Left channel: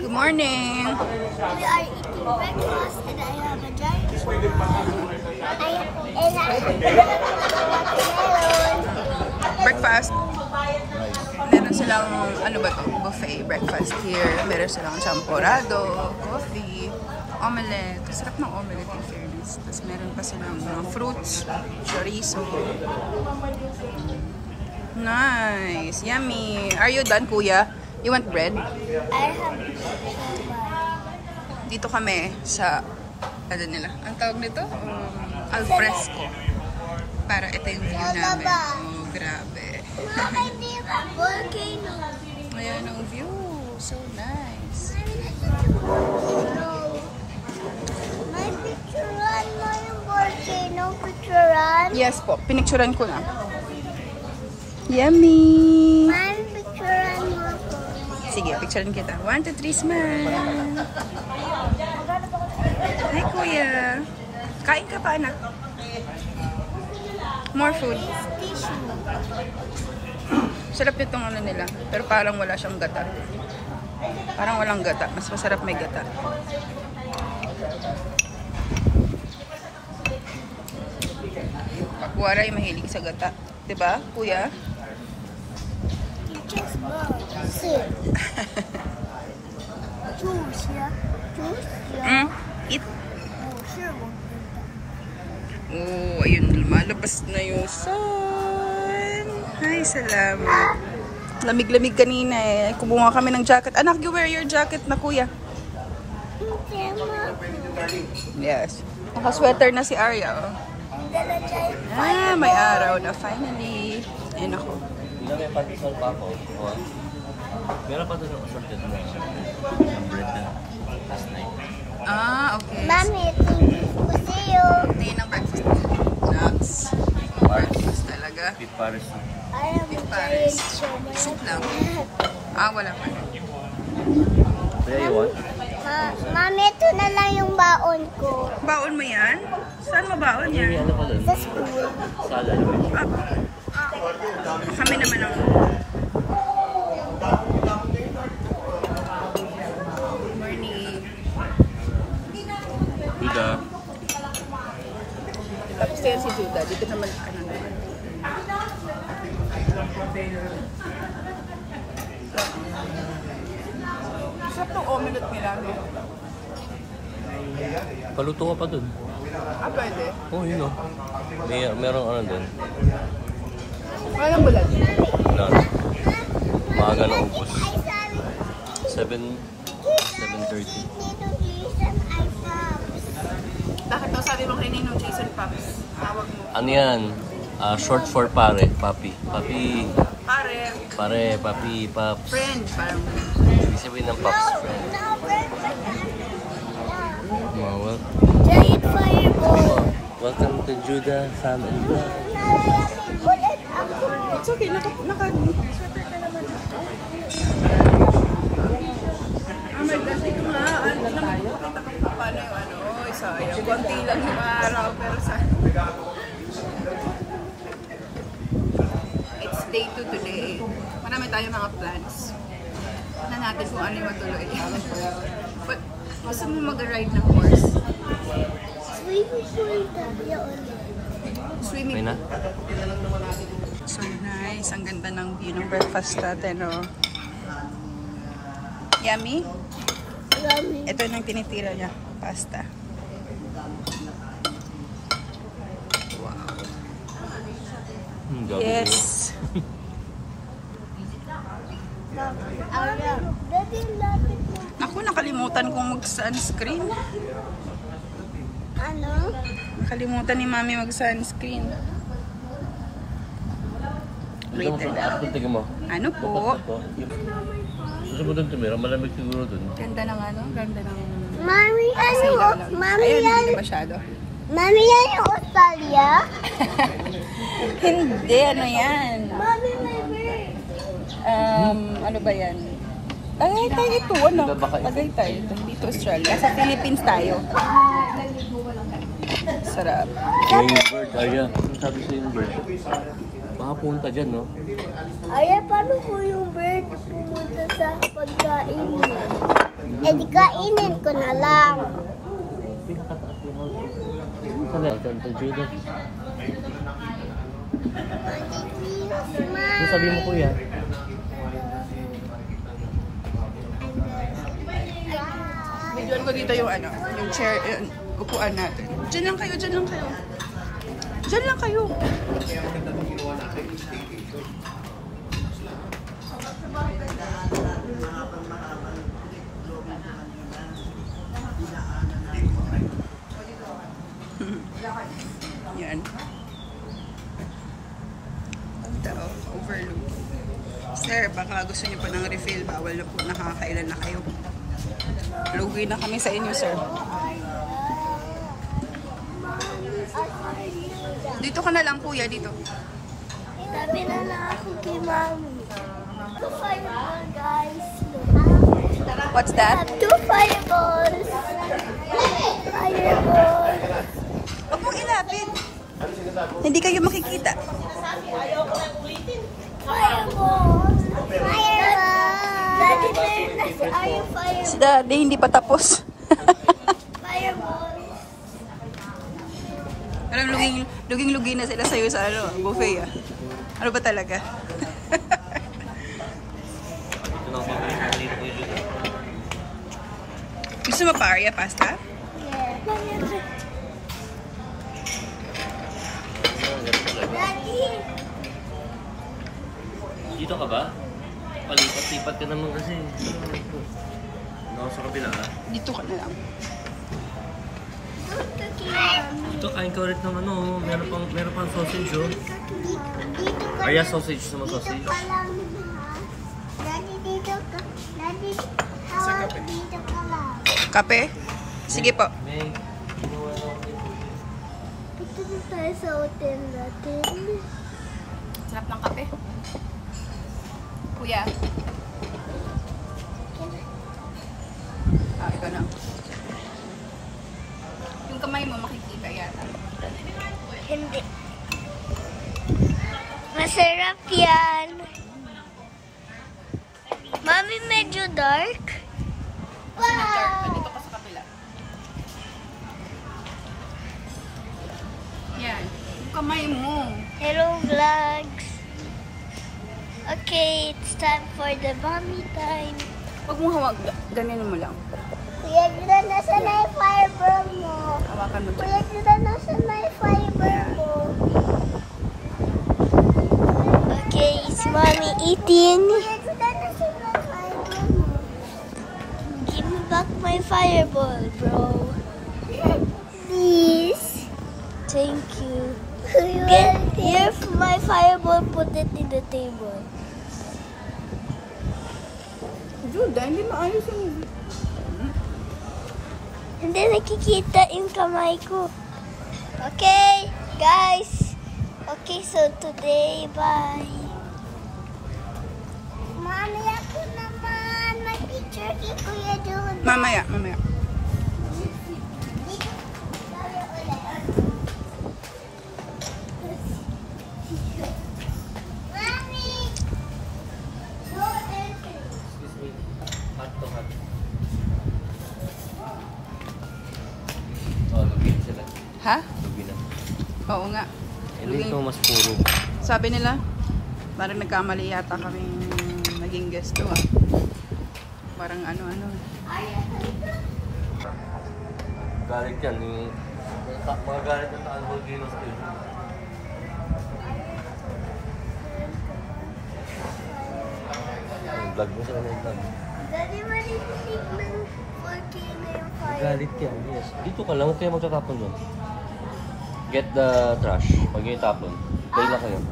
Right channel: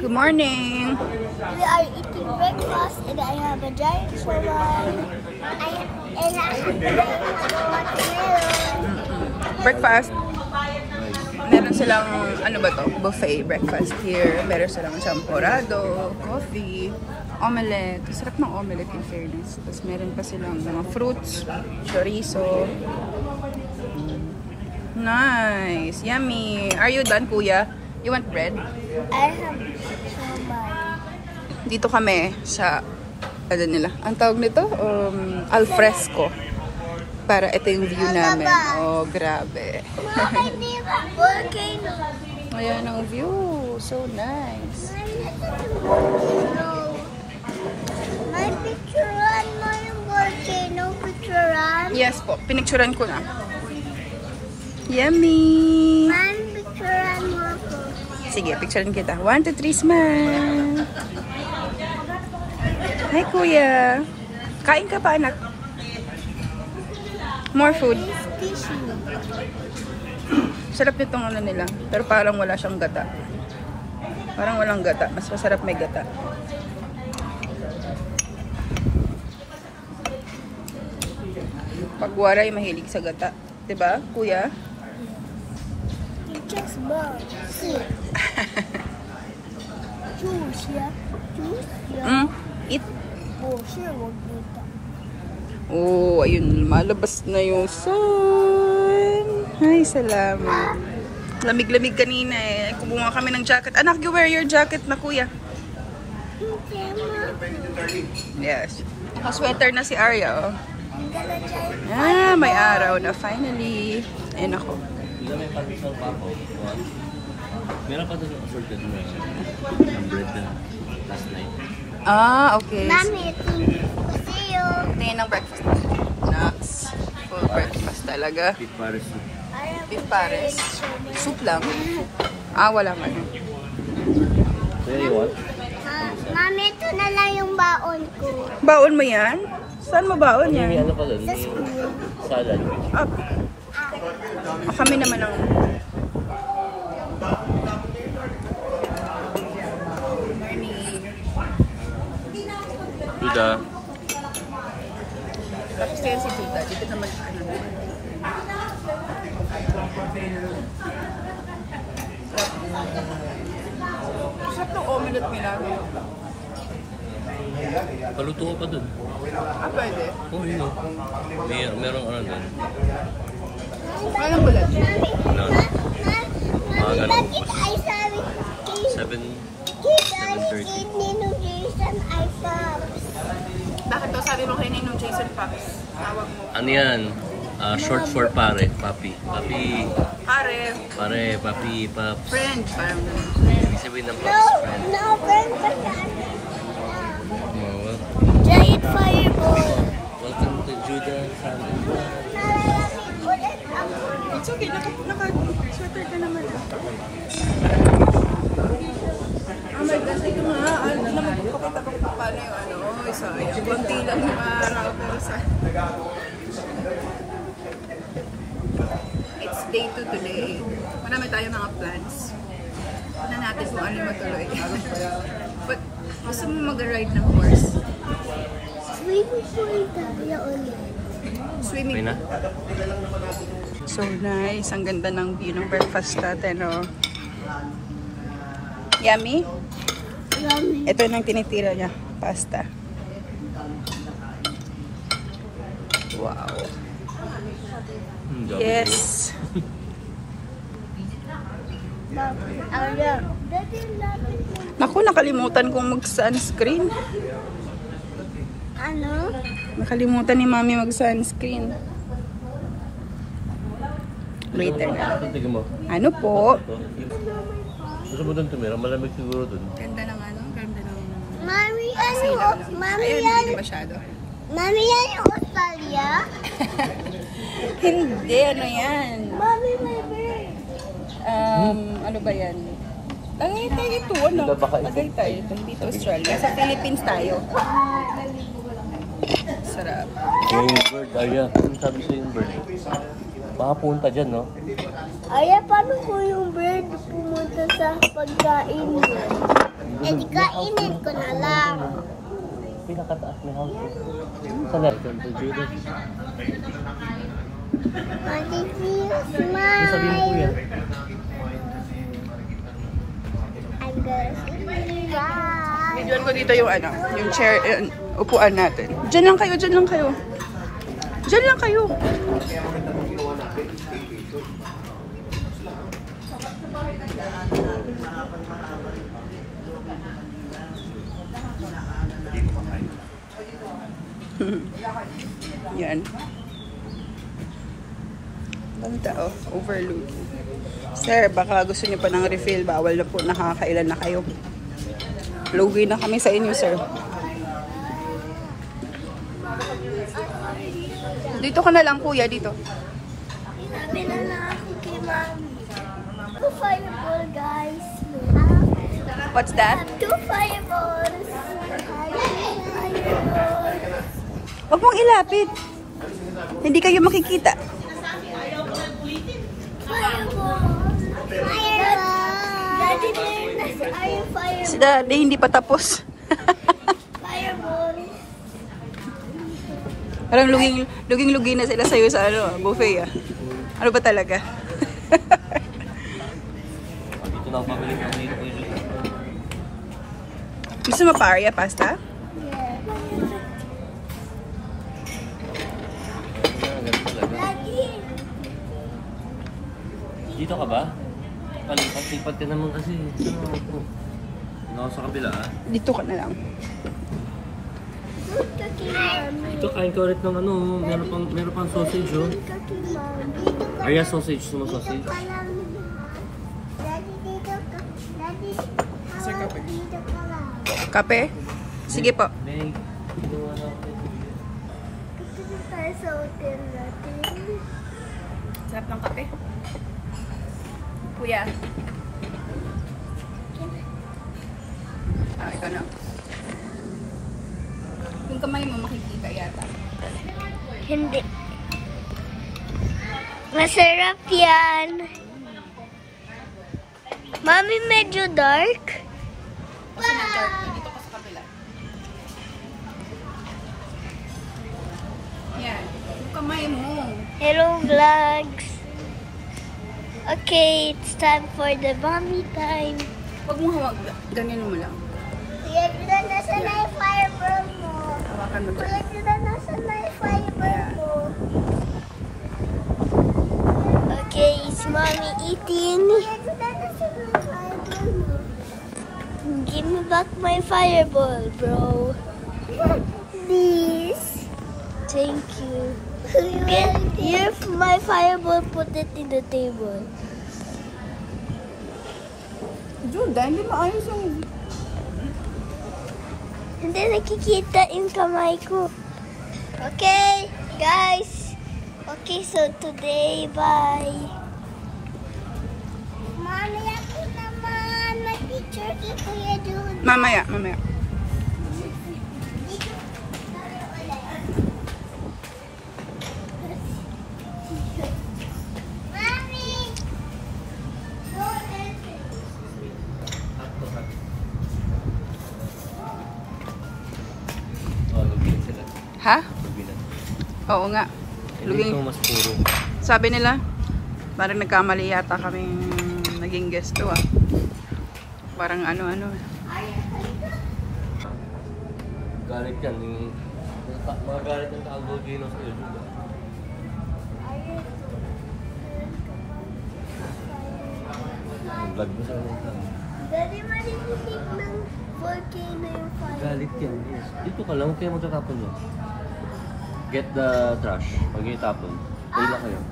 Good morning. We are eating breakfast and I have a giant shawarma. And I have watermelon. Breakfast. Meron silang, ano ba to? Buffet breakfast here. Meron silang champorado, coffee, omelette. Sarap ng omelette in fairness. Tapos meron pa silang mga fruits, chorizo. Nice. Yummy. Are you done, kuya? You want bread? I have shawarma. Dito kami sa, ano nila? Ang tawag nito? Alfresco. Para ito yung view namin. Oh, grabe. Volcano. Ayan ang view. So nice. No. My picturean mo yung volcano. Picturean. Yes po. Pinicturean ko na. Yummy! My picturean mo ko. Sige, picturean kita. 1, 2, 3, smile! Hi, kuya! Kain ka pa, anak? More food. Tissue. Sarap nitong ano nila. Pero parang wala siyang gata. Parang walang gata. Mas masarap may gata. Pagwara ay mahilig sa gata. Diba, kuya? Just bug. See. Juice, yeah. Juice, yeah. Eat. Oh, sure, wag ganda. Oh, ayun. Malabas na yung sun. Ay, salamat. Lamig-lamig kanina eh. Kumuha kami ng jacket. Anak, you wear your jacket na, kuya. Yes. Naka-sweater na si Arya, oh. Ah, may araw na finally. Ayun ako. Meron pa doon assorted na yung bread na last night. Ah, okay. Mami, see you. Tingin ng breakfast. Nuts. Full breakfast talaga. Beef Paris. Beef pares. Soup lang. Ah, wala man. Kaya you want? Mami, ito na lang yung baon ko. Baon mo yan? Saan mo baon May yan? ano pala? Sa school. Salad. Ah, kami naman ang... Morning. Duda. Tapos kaya si Juda. Dito naman. Sarap ng omelette nila. Paluto ka pa dun. Ah, pwede? Oh, yun o. Merong ano dun. Walang bulat. Wala. Maaga na ubos. 7:30. Bakit to? Sabi mo kay Ninong Jason Fox. Tawag mo. Ano yan? Short for pare. Papi. Papi. Pare. Pare. Papi. Paps. Friend. Parang Ibig sabihin ng Paps friend. No, friend pa yan. Well, Giant fireball. welcome to Juda family. it's okay. Naka-sweater ka naman. Oh my God. Ito na. Hindi naman pakita ko pa paano yung ano. Sayang. Konti lang yung araw. Pero sa... It's day 2 today. Marami tayo naka-plans. Na natin kung ano yung matuloy. But gusto mo mag-ride ng horse? Swimming pool. Swimming. Okay na? So nice. Ang ganda ng view ng breakfast natin, oh. Yummy? Ito yung tinitira niya. Pasta. Wow. Yes. Naku, nakalimutan kong mag-sunscreen. Nakalimutan ni Mami mag-sunscreen. Wait. Tingin mo. Ano po? Gusto mo dun tumira? Malamig siguro dun. Ganda ng ano? Ganda ng Mami, silaw lang. Ayun, hindi na masyado. Mami, yan yung Australia? Hindi, ano yan? Mami, may bird. Ano ba yan? Tagaytay ito, ano? Tagaytay. Dito, Australia. Sa Philippines tayo. Sarap. Yung bird, Arya. Ano sabi sa yung bird? Baka punta dyan, no? Ay, paano po yung bird pumunta sa pagkain? Eh, di kainin ko na lang. Pinakataas ng house. Saan na? Ito, Judo. Ate, please smile. Ano sabihin mo, kuya? Videoan ko dito yung ano, yung chair, upuan natin. Diyan lang kayo, diyan lang kayo. Diyan lang kayo. Yan. Banda, oh, overlooking. Sir, baka gusto niyo pa ng refill. Bawal na po, nakakailan na kayo. Lugi na kami sa inyo, sir. Dito ka na lang, kuya, dito. Sabi na lang ako kay Mami. 2 fireball, guys. What's that? 2 fireballs. Fireballs. Huwag mong ilapit. Hindi kayo makikita. Fireball. Fireball. Daddy, meron na si Ayo fireball. Si Daddy, hindi pa tapos. Fireball. Parang luging-lugi na sila sa'yo sa ano, buffet ah. Ano ba talaga? Dito lang pabili ko dito ko yung Gusto mo paria pasta? Yeah. Daddy. Dito ka ba? Palipat-lipat ka naman kasi. Ano sa kabila ha? Dito ka na lang. Good ka kay Mami. Ito kain ka ulit ng ano, meron pang sausage oh. Good ka kay Mami. Arya sausage, gusto mo sausage? Dito ka lang. Daddy, dito ka. Daddy, Sa kape. dito ka lang. Kape? Sige po. May ginawa na ako. Dito na tayo sa hotel natin. Sarap ng kape. Kuya. Ah, ito na. Yung kamay mo makikita yata. Hindi. Masarap yan. Mami, medyo dark. Kasi nag-dark na. Dito ka sa kabila. Yan. Yung kamay mo. Hello, vlogs. Okay, it's time for the mommy time. Huwag mo hawag. Ganyan mo lang. Kuya Juda, nasa na yung fireball mo? Hawakan mo Kuya dyan. Juda, nasa na yung fireball mo? Okay, it's mommy eating. Kuya Juda, nasa na yung fireball mo? Give me back my fireball, bro. Please. Thank you. If my fireball, put it in the table. Juda, hindi maayos yung... Hindi nakikita yung kamay ko. Okay, guys. Okay, so today, bye. Mami, ako naman. May picture kay Kuya Juda. Mamaya, mamaya. Mami! No entry. Hot to hot. Oh, lugi sila. Ha? Lugi na. Oo nga. Hindi ito mas puro. Sabi nila, parang nagkamali yata kaming naging guest to ah. Parang ano-ano. Galit yan. Yung mga galit ng Taal Volcano sa iyo. Vlog mo sa kanila. Daddy, mariputik ng volcano yung fire. Galit yan. Yes. Dito ka lang. Huwag kayo magtatapon mo. Get the trash. Huwag kayo tapon. Kayo na kayo.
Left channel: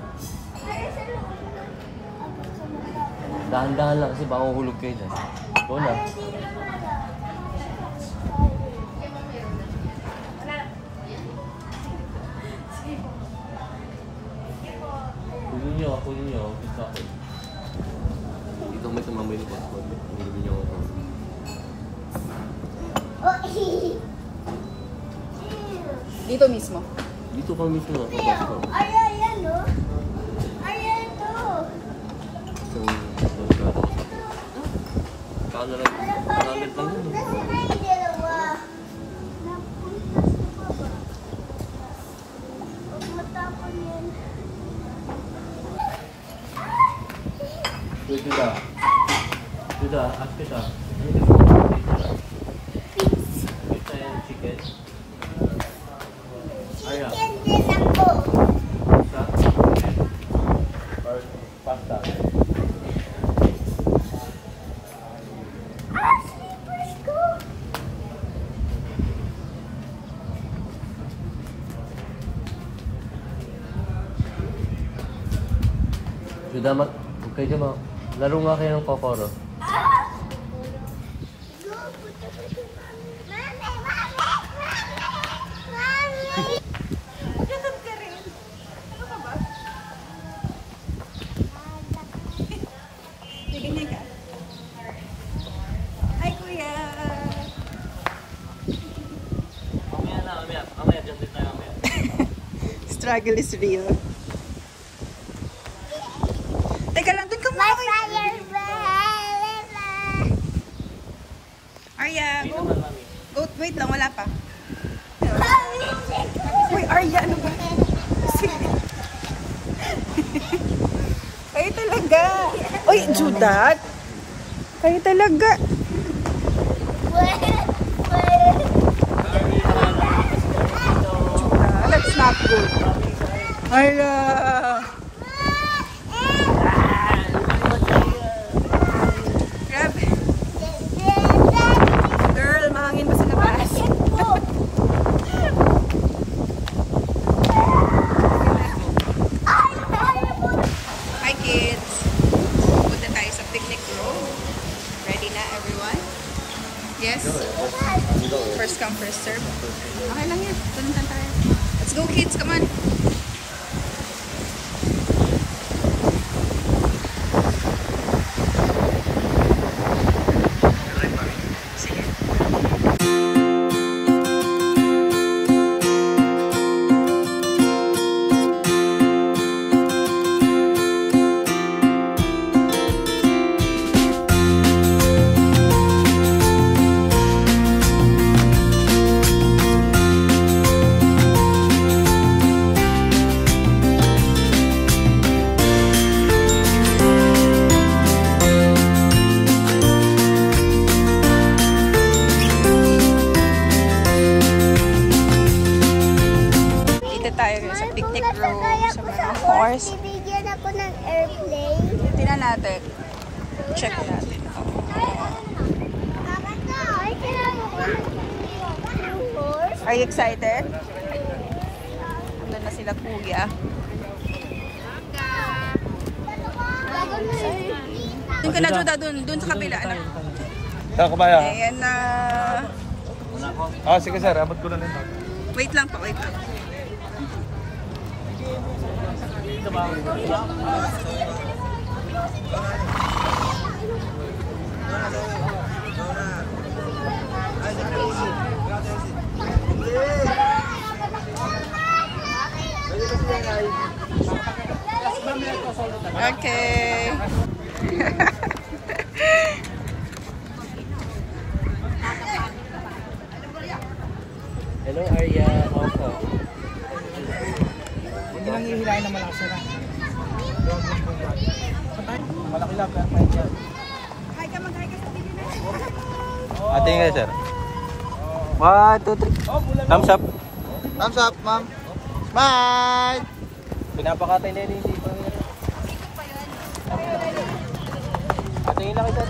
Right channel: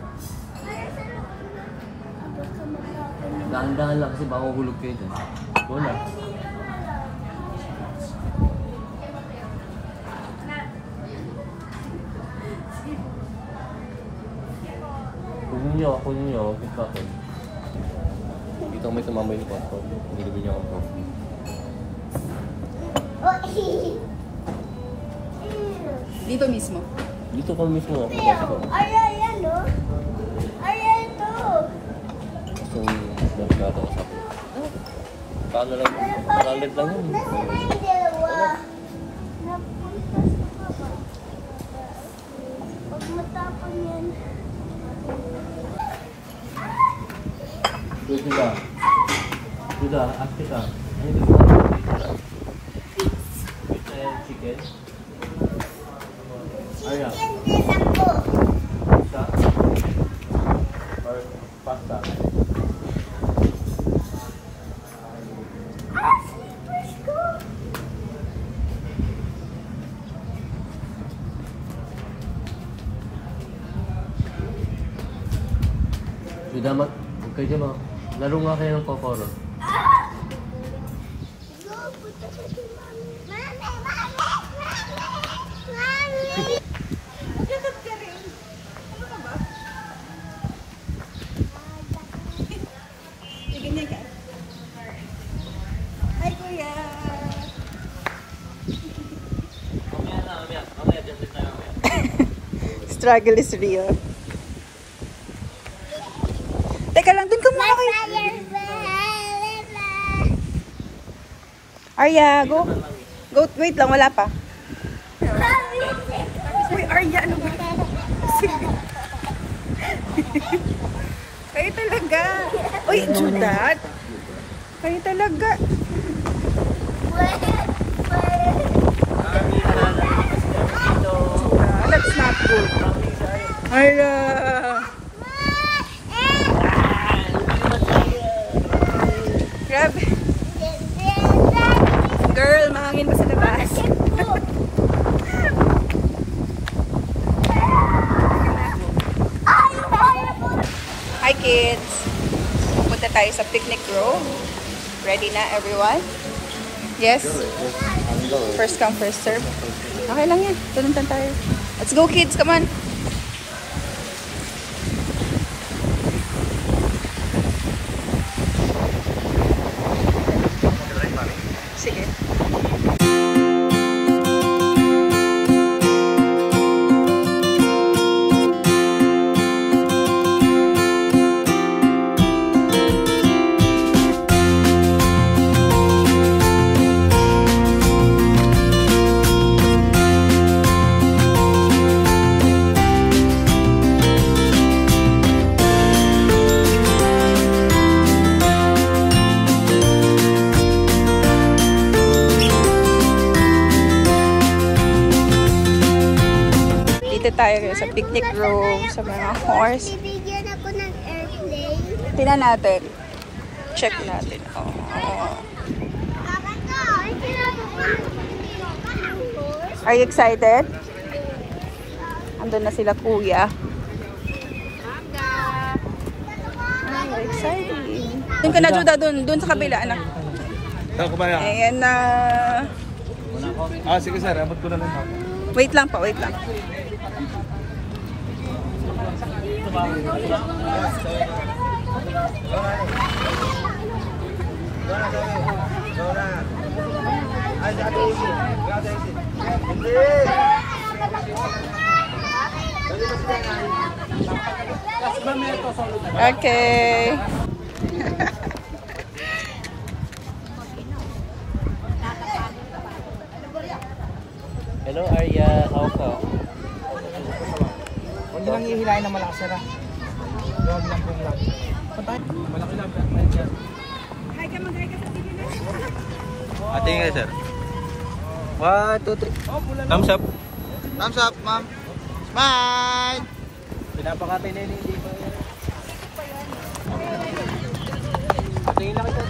Dahan-dahan lang kasi baka mahulog kayo dyan. Doon na. Kunin niyo. Huwag kayo tapon. Dito may tumamay yung pot-pot. Nilibig niyo akong coffee. Dito mismo. Dito ka mismo ako ko. Ay, ano? Ay, ito. Gusto yung magkakato ko sakto. Paano lang? $100 lang yun. Judah. Judah, ask kita. Ano gusto mo? Pizza and chicken. Arya. Pizza? Or pasta? Judah, kayo dyan mo. Laro nga kayo ng Kokoro. Magkatad ka rin. Ano ka ba? Ganyan ka? Ay, kuya! Mamaya, dyan din tayo mamaya. Struggle is real. Teka lang, dun ka muna kayo. Arya, go. Go, wait lang, wala pa. Uy, Arya, ano ba? Sige. Kayo talaga. Uy, Judah. Kayo talaga. That's not good. Arya. Grabe. Girl, mahangin pa sa labas. Hi kids! Pupunta tayo sa picnic grove. Ready na everyone? Yes? First come, first serve. Okay lang yan. Tuluntan tayo. Let's go kids, come on! Sige. Tayo sa picnic grove, sa mga horse. Bibigyan ako ng airplane. Tingnan natin. Check natin. Oh. Are you excited? Andun na sila kuya. Oh, exciting. Doon ka na, Judah, doon sa kabila, anak. Ayan na. Sige sir, abot ko na lang. Wait lang pa, wait lang. Okay. Hello Arya, how ka? Hindi lang ihilahin na malakas na. Huwag lang po yan. Malaki lang. Hi ka, mag-hi ka sa video na. Ate nga sir. 1, 2, 3. Thumbs up. Thumbs up, ma'am. Smile! Pinapakatay na yun dito. Ate nga kita.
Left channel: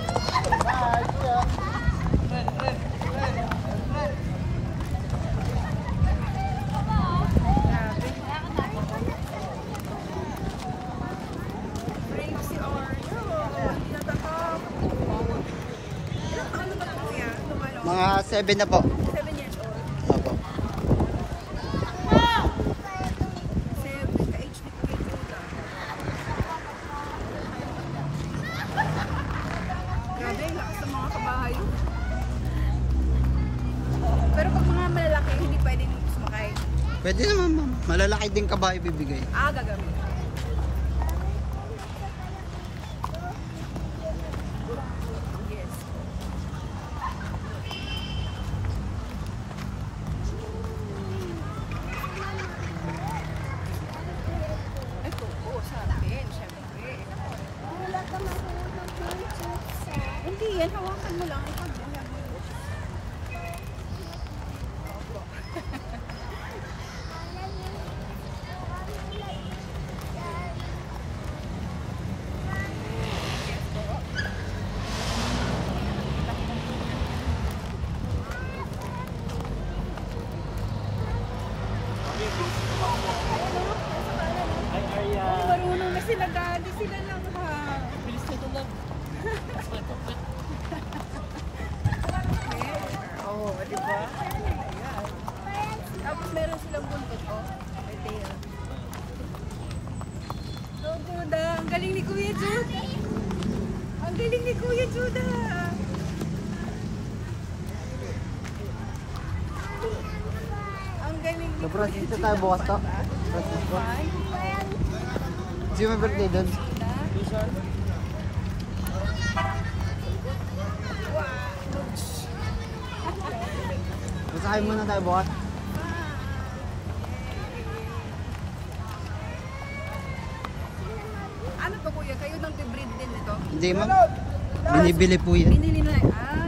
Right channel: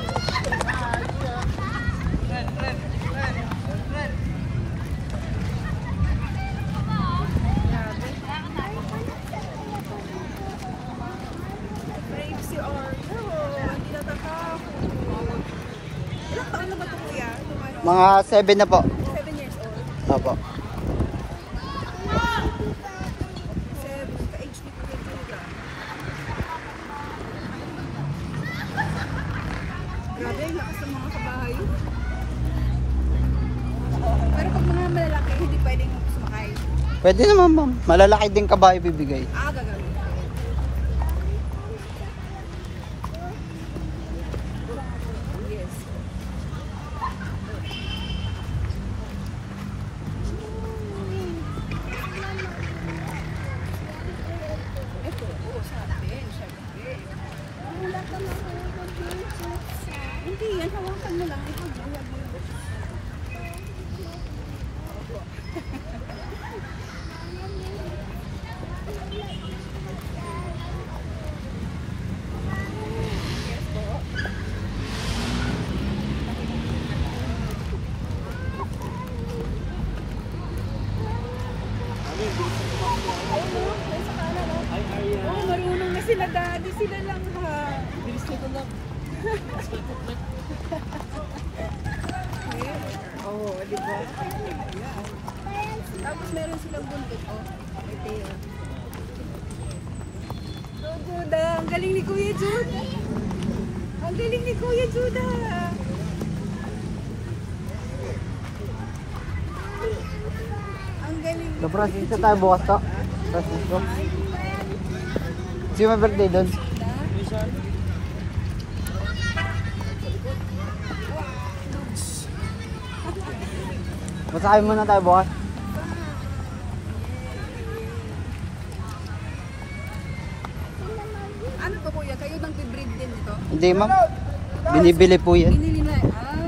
Mga 7 na po. 7 years old. Opo. Ka-age ni Kuya Judah. Grabe, lakas ng mga kabahay. Pero pag mga malalaki, hindi pwedeng sumakay. Pwede naman ma'am. Malalaki din kabayo bibigay. Gagamit. Yes. Hi, Arya. Oh, marunong na sila daddy. Sila lang ha. Bilis nito lang. Oh, di ba? Ayan. Tapos meron silang buntot, oh. May tail. So, Juda, ang galing ni Kuya Juda. Ang galing ni Kuya Juda. Ang galing ni Dobro, dito tayo bukas ka. Kasi may birthday doon. Masakay muna tayo bukas. Ano to kuya? Kayo nang breed din ito? Hindi ma'am. Binibili po yan. Binili na. Ah,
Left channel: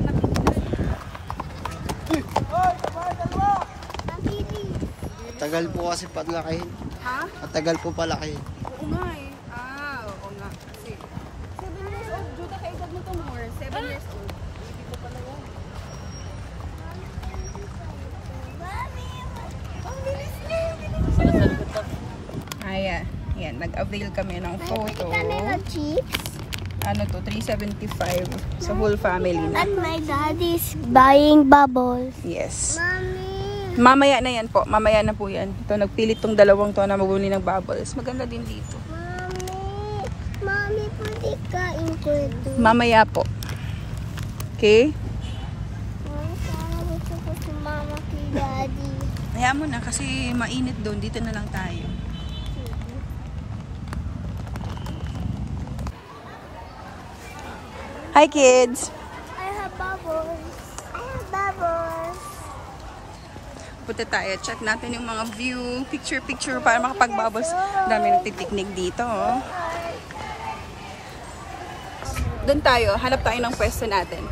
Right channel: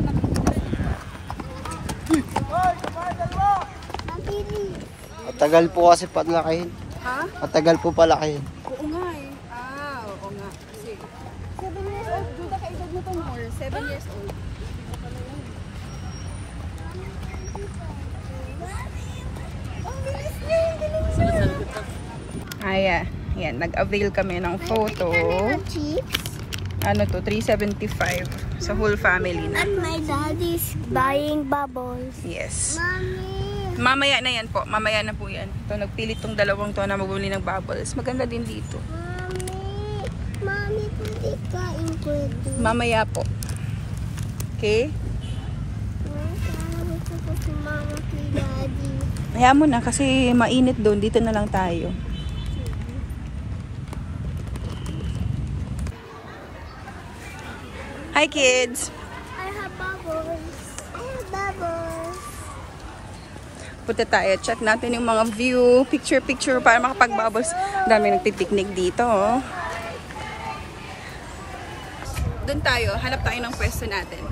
Matagal po kasi palakihin. ha? Matagal po palakihin. Oo nga eh. Ah, oo nga. Kasi 7 years old. Juda, kaedad mo itong more. 7 years old. Hindi ko pala yan. Ang bilis niya. Ang bilis niya. Ayan. Yan. Nag-avail kami ng photo. Ano to? 375 sa whole family na. And my daddy's buying bubbles. Yes. Mommy. Mamaya na yan po. Mamaya na po yan. Ito, nagpilit tong dalawang to na magbuli ng bubbles. Maganda din dito. Mommy, pwede kain ko ito. Mamaya po. Okay? Gusto ko si mama kay daddy. Kaya mo na kasi mainit doon. Dito na lang tayo. Hi kids! I have bubbles. I have bubbles. Punta tayo. Check natin yung mga view. Picture para makapag-bubbles. Dami nagpipiknik dito. Oh. Doon tayo. Hanap tayo ng pwesto natin.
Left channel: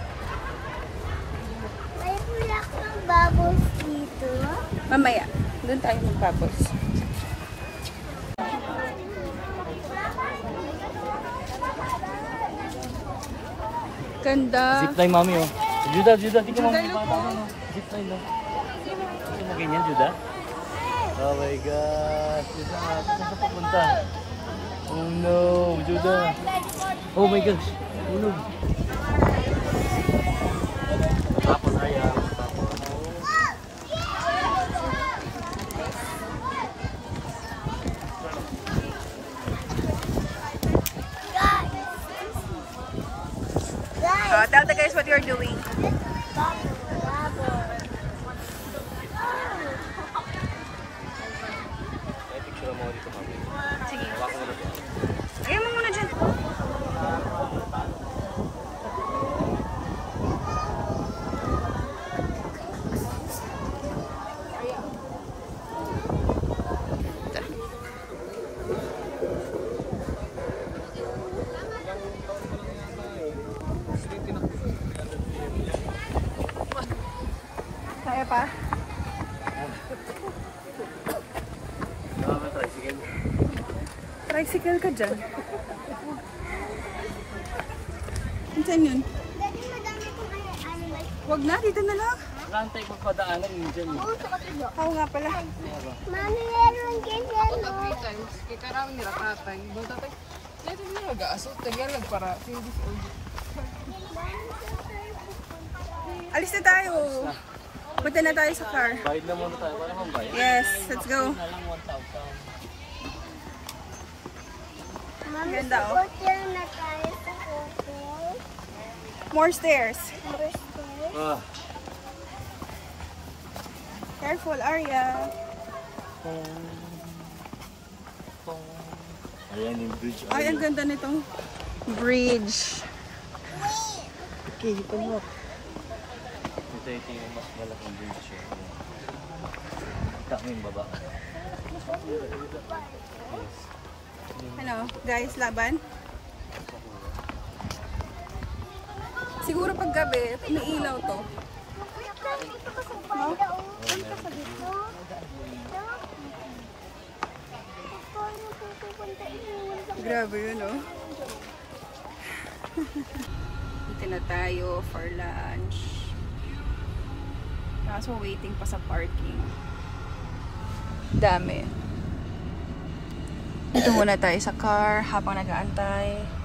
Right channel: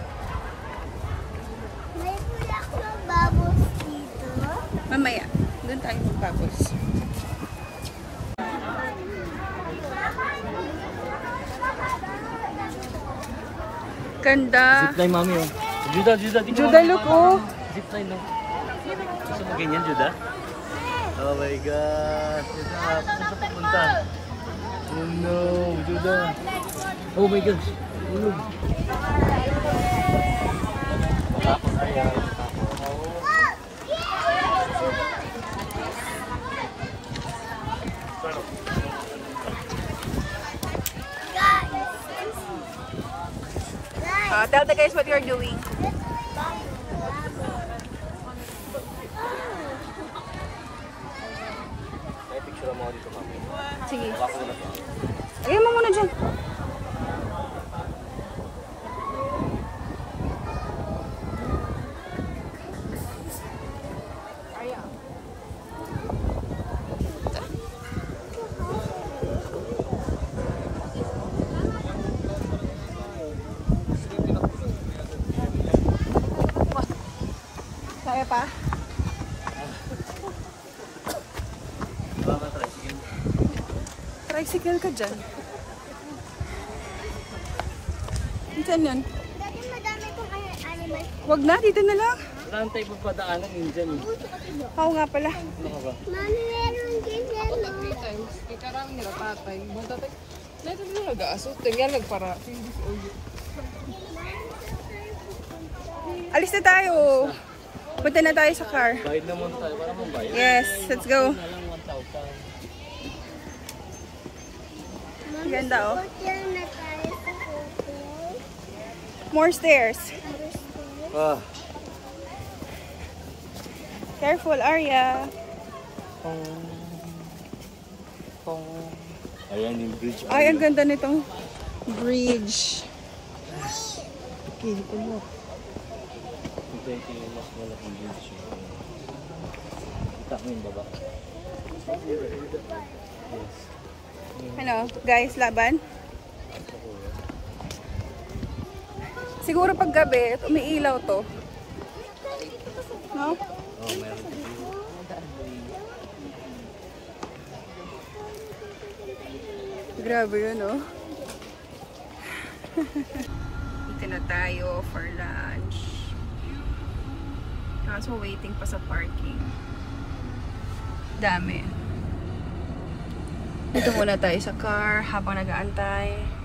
May bulak ng bubbles dito. Mamaya. Doon tayo mag-bubbles. Ganda. Zipline, mami, oh. Juda, Juda. Juda, look, oh. Zipline, oh. Gusto mo ganyan, Juda? Oh my God. Saan sa papunta? Oh no, Juda. Oh my gosh. Ulog. Matapon, Arya. Matapon. Tell the guys what you're doing. Sige. Ayun mo muna dyan. Kaya pa? Tricycle ka dyan. Saan yun? Daddy, madami pong animals. Wag na, dito na lang. Nakantay pagpadaanan yun dyan. Oo nga pala. Mami, meron ganyan. Alis na tayo. Punta na tayo sa car. Bayad na muna tayo. Para mambayad. Yes, let's go. Na lang 1,000. Mami, Ganda, oh. hotel na tayo sa hotel. More stairs. Ah. Careful, Arya. Ayan yung bridge. Ay, ang ganda nitong bridge. Okay, ito mo. Ito yung mas malaking bridge. Ito yung baba. Ano, guys, laban? Siguro pag gabi, umiilaw to. No? Grabe yun, oh. Dito na tayo for lunch. Kaso waiting pa sa parking. Dami. Dito muna tayo sa car habang nag-aantay.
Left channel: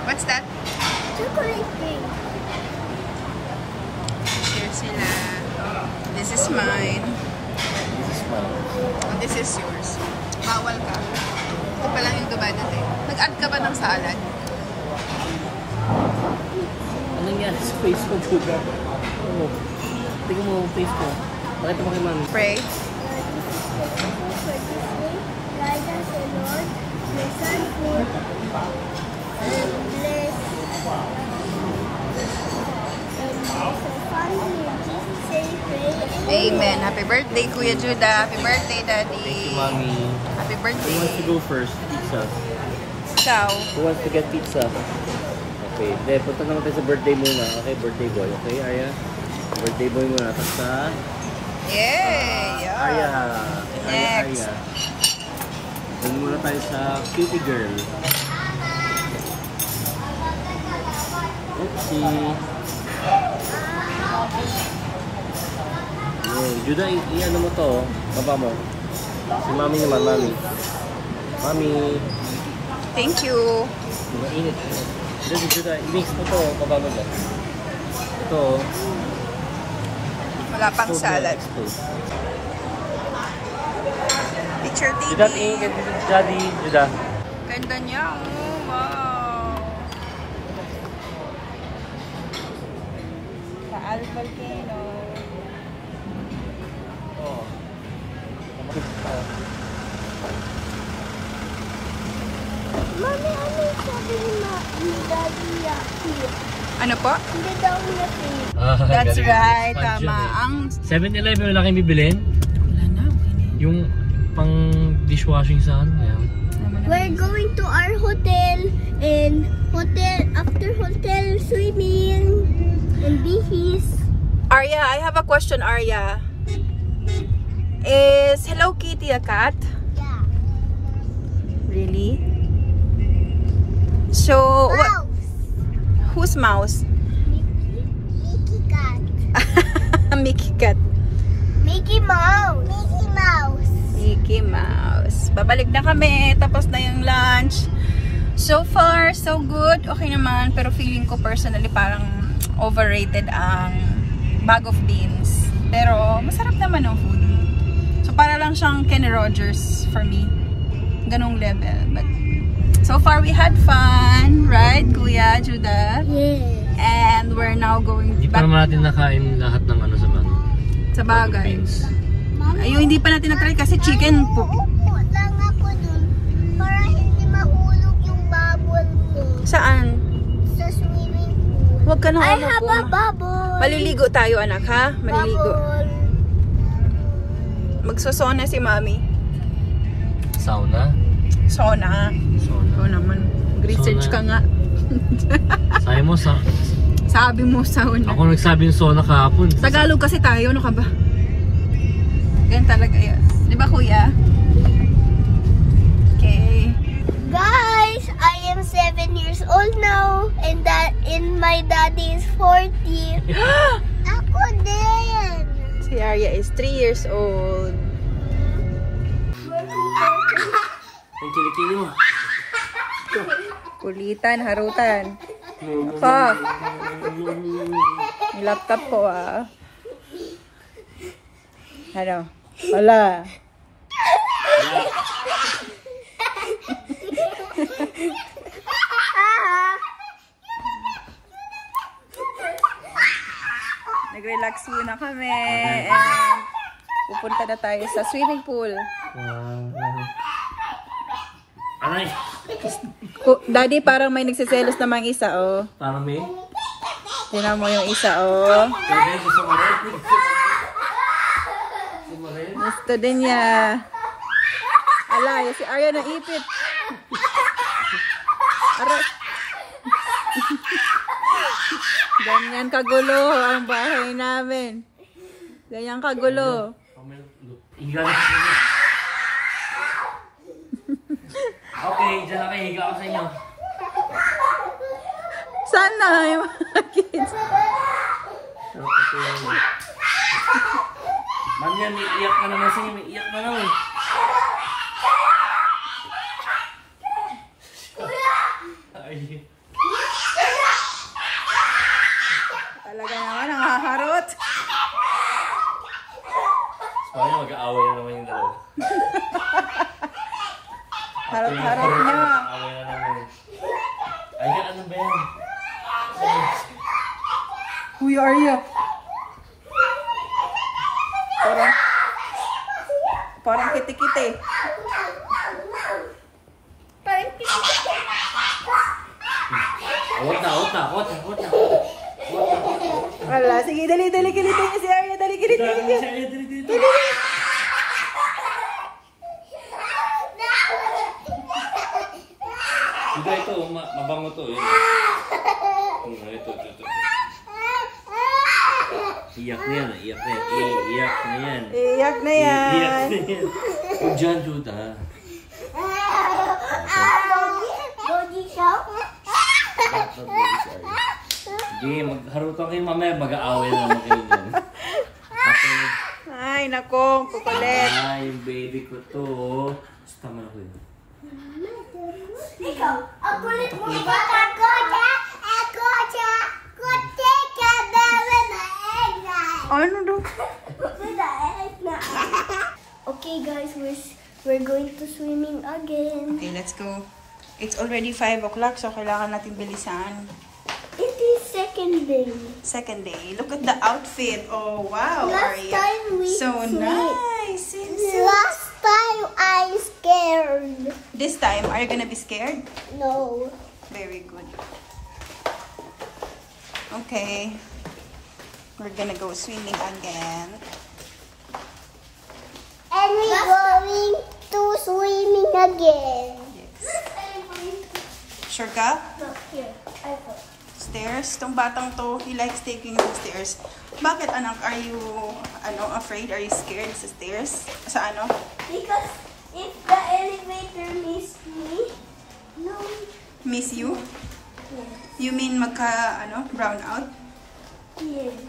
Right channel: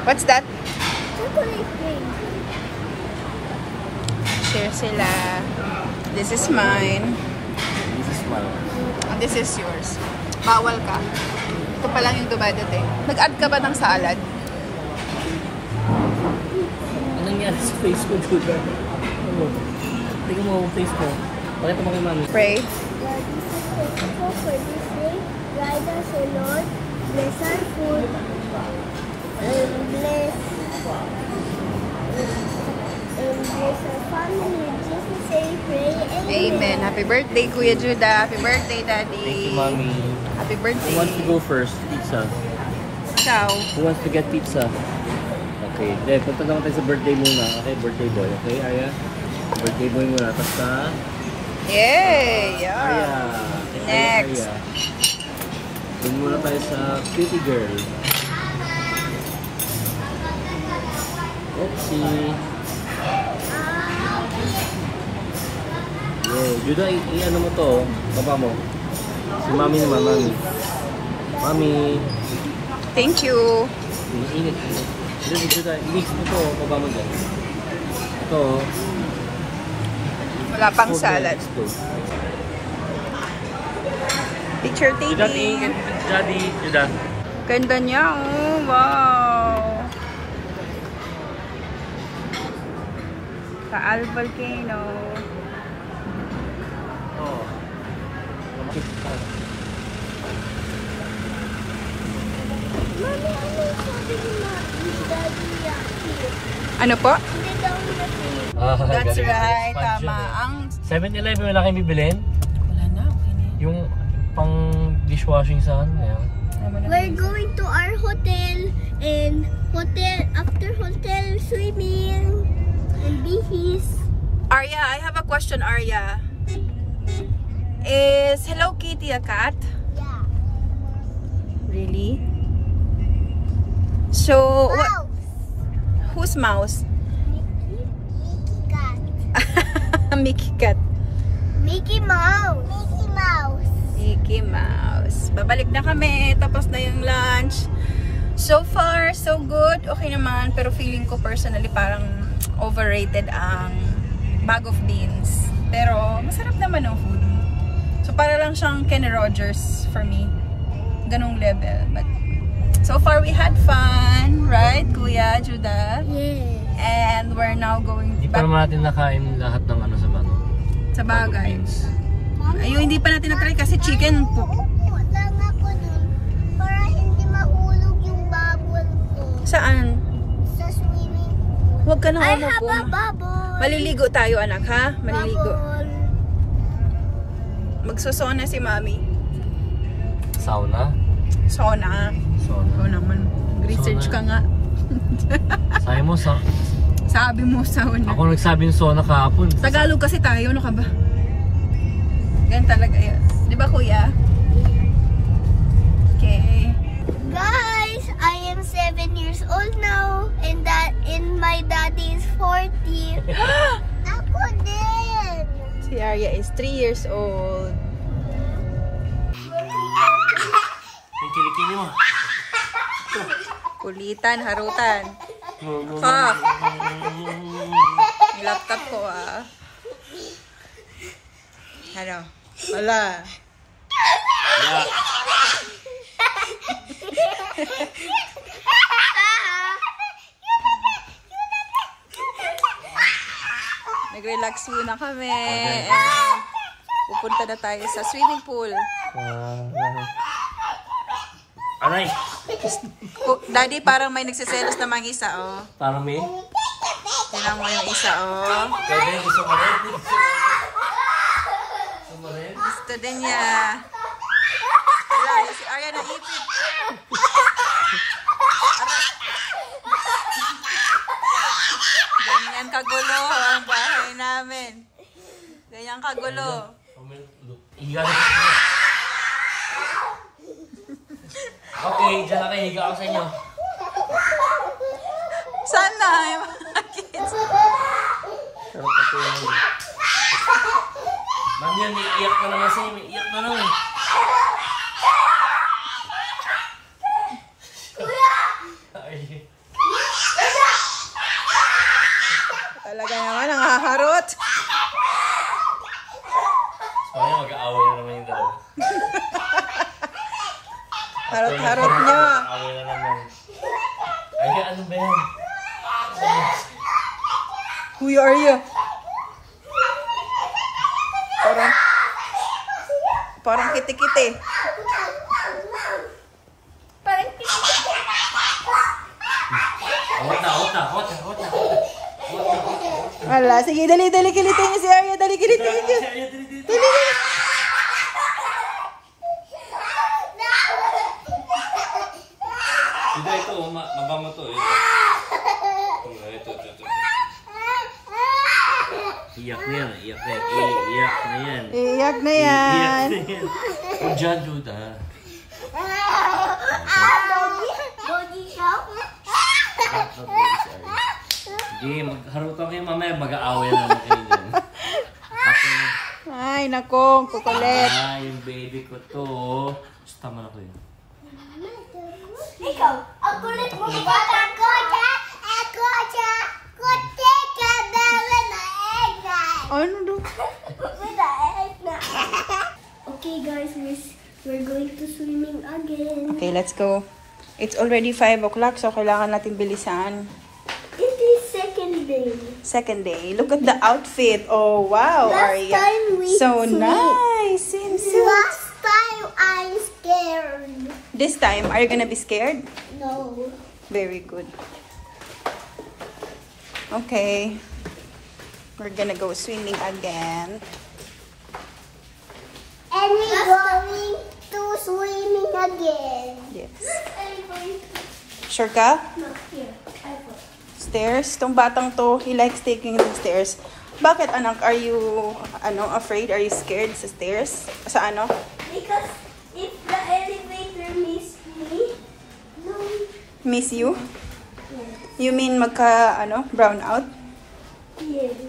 What's that? Chocolate cake. Share sila. This is mine. This is mine. And this is yours. Bawal ka. Ito pa lang yung dumadating. Nag-add ka ba ng salad? Anong yan? Face mo, Judah. Ano? Tingnan mo ang face mo. Bakit mo kay mami? Pray. Lord, this is thankful for this day. Guide us, O Lord. Bless our food. And bless our family. In Jesus' name, pray. Amen. Happy birthday, Kuya Judah. Happy birthday, Daddy. Thank you, mami. Happy Who birthday. wants to go first? Pizza. Ikaw. Who wants to get pizza? Okay, then punta naman tayo sa birthday muna. Okay, birthday boy. Okay, Arya? Birthday boy muna. Tapos sa Yay! Yeah. Arya. Next. Arya. Then muna tayo sa cutie girl. Oopsie. Yo, Judah, i-ano mo to, baba mo. Si mami naman, mami. Mami. Thank you. Init. Judah, i-mix mo to, baba mo dyan. Ito. Wala pang ito, salad. ito. Picture Judah, taking. Daddy, Judah. Ganda niya, oh. Wow. Taal Volcano. Mami, ano yung sabi ni Daddy Yaki? Ano po? Hindi daw niya free. That's right. Tama. Ang 7-Eleven wala kayong bibilin? wala na. Okay na. Yung pang dishwashing sa ano yan? We're going to our hotel and after hotel swimming and beaches. Arya, I have a question, Arya. Is Hello Kitty a cat? Yeah. Really? So, Mouse. whose mouse? Mickey cat. Mickey cat. Mickey Mouse. Mickey Mouse. Mickey Mouse. Babalik na kami. Tapos na yung lunch. So far, so good. Okay naman. Pero feeling ko personally parang overrated ang bag of beans. Pero masarap naman ang food. So para lang siyang Kenny Rogers for me. Ganong level. But so far we had fun. Right, Kuya Judah? Yeah. And we're now going Hindi pa back naman natin nakain lahat ng ano sa mano. sa bagay. Beans. Ayun, hindi pa natin na-try kasi chicken po. Upo lang ako dun para hindi mahulog yung bubble ko Saan? sa swimming pool. Huwag ka na. I have a bubble. Maliligo tayo, anak, ha? Maliligo. Bubble. Magsosona si Mami. Sauna. Sona. Sauna. Oo naman. Mag-research ka nga. Sabi mo sa... Sabi mo, sauna. Ako nagsabi yung sauna kahapon. Tagalog kasi tayo, ano ka ba? Ganyan talaga yan. Di ba, Kuya? Okay. Guys, I am 7 years old now and my daddy is 40. Ako din. Si Arya is 3 years old. Ang kilikili mo. Kulitan, harutan. Ako. Yung laptop ko, ah. Ano? Wala. Nag-relax muna kami. And pupunta na tayo sa swimming pool. Aray! Daddy, parang may nagsiselos namang isa, oh. Parang may? Tinan mo yung isa, oh. Gusto din niya. Ala, si Arya na ipit. Aray. Ganyan kagulo ang bahay namin. Ganyan kagulo. Okay, dyan lang kayo. Higa ako sa inyo. Sana yung mga kids. Man yan, may iyak na naman sa'yo. May iyak na naman. Ay. Talaga naman, nangaharot. Soalnya mag-aaway na naman yung dalawa. Harot-harot niya. Mag-aaway na naman. Ay, ano ba yan? Who are you? Parang kiti-kiti. Awat na. Wala, sige, dali, kilitin niyo si Arya. Dali, kilitin niyo. Sudah itu, mabango to. Ito. Iyak na yan. Iyak na yan. O dyan, Judah. Sige, magharutan kayo mamaya. Mag-aaway na naman kayo dyan. Ay, nako, kukulit. Ay, yung baby ko to. Tama na ko yun. Ikaw, ang kulit mo ba? Ako siya. Kutik ka baby na egg na. Ano doon? Okay guys, we're going to swimming again. Okay, let's go. It's already 5 o'clock, so kailangan natin bilisan. It is second day. Second day. Look at the outfit. Oh, wow, Arya. So nice. Last time I'm scared. This time, are you gonna be scared? No. Very good. Okay. We're gonna go swimming again. And we're going to swimming again. Yes. Sure ka? No, here. I go. Stairs? Tong batang to, he likes taking the stairs. Bakit, anak? Are you, afraid? Are you scared sa stairs? Sa ano? Because if the elevator miss me, no. Miss you? Yes. You mean brown out? Yes.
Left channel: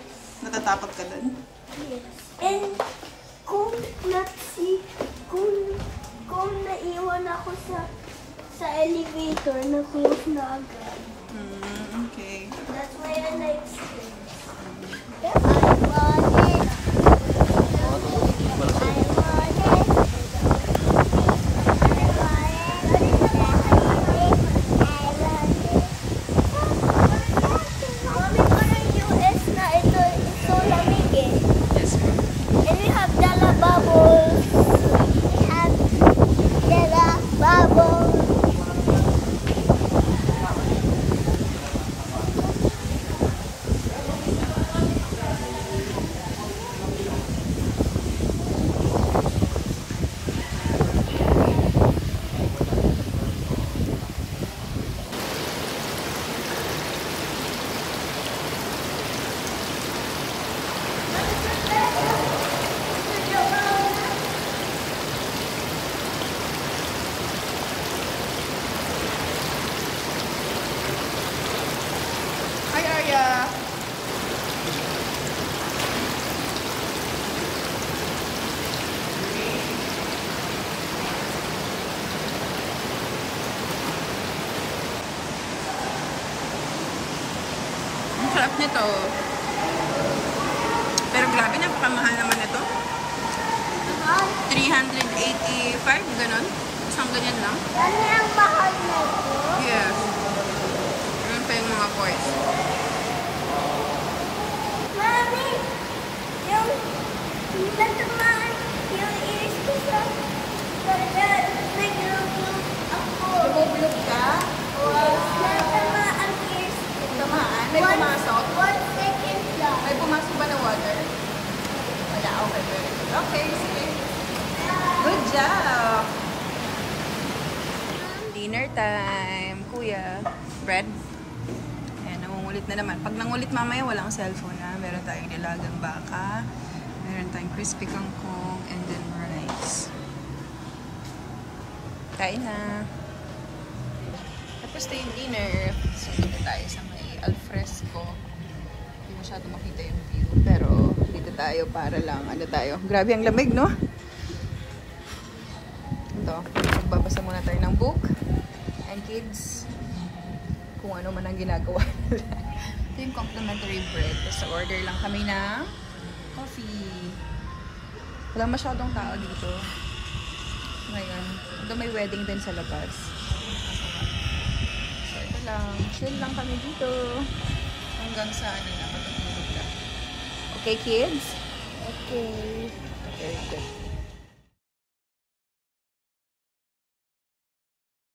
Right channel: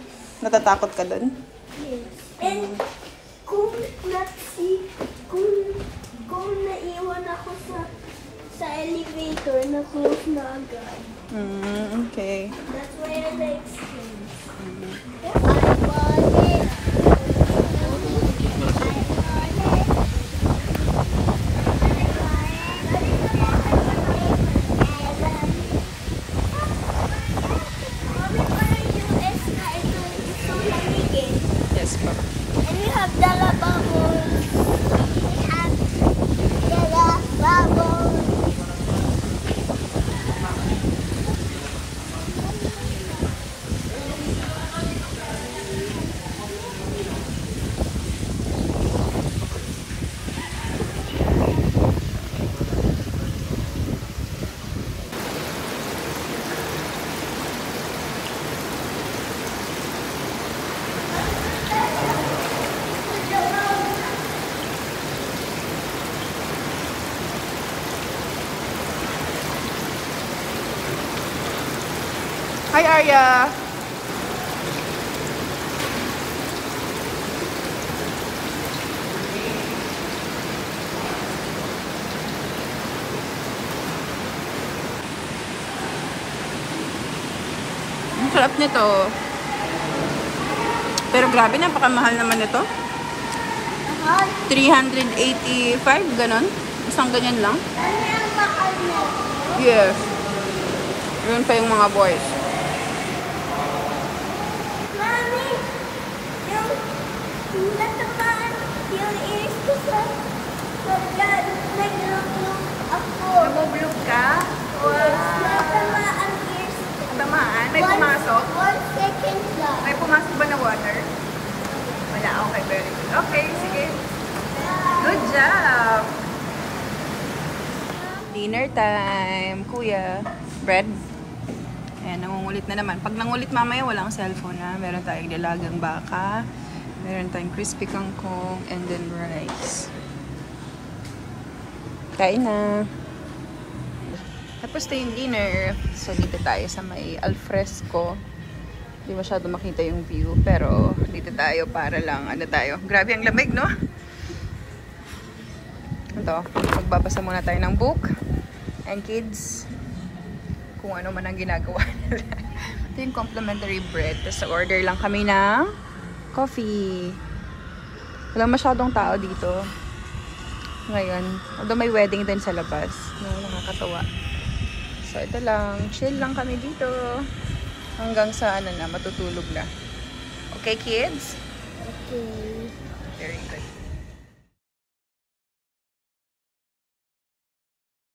Natatakot ka dun? Yes. And kung naiwan ako sa elevator, na-close na agad. Okay. That's why I like stairs. I want it. Yes pa. And we have Dala Bubbles. We have Dala Bubbles. Hi, Arya. Ang sarap nito. Pero grabe, napakamahal naman ito. 385, ganon. Isang ganyan lang. Ano ang mahal nito? Yes. Yun pa yung mga boys. Mami, yung natamaan yung ears ko sa nag-lumplum ako. Lumulog ka? Yes, natamaan ears ko. tamaan? May pumasok? 1 second lang. May pumasok ba na water? Wala. Okay, very good. Okay, sige. Good job! Dinner time, kuya. Bread. Ayan, nangungulit na naman. Pag nangulit mamaya, walang cellphone na. Meron tayong nilagang baka. Meron tayong crispy kangkong. And then rice. Kain na. Tapos ito yung dinner. So, dito tayo sa may alfresco. Hindi masyado makita yung view. Pero, dito tayo para lang, ano tayo. Grabe ang lamig, no? Ito, magbabasa muna tayo ng book. And kids, kung ano man ang ginagawa nila. Ito yung complimentary bread. Tapos, order lang kami ng coffee. Walang masyadong tao dito. Ngayon, although may wedding din sa labas. Nakakatawa. So, ito lang. Chill lang kami dito. Hanggang sa, ano na, matutulog na. Okay, kids? Okay. Very good.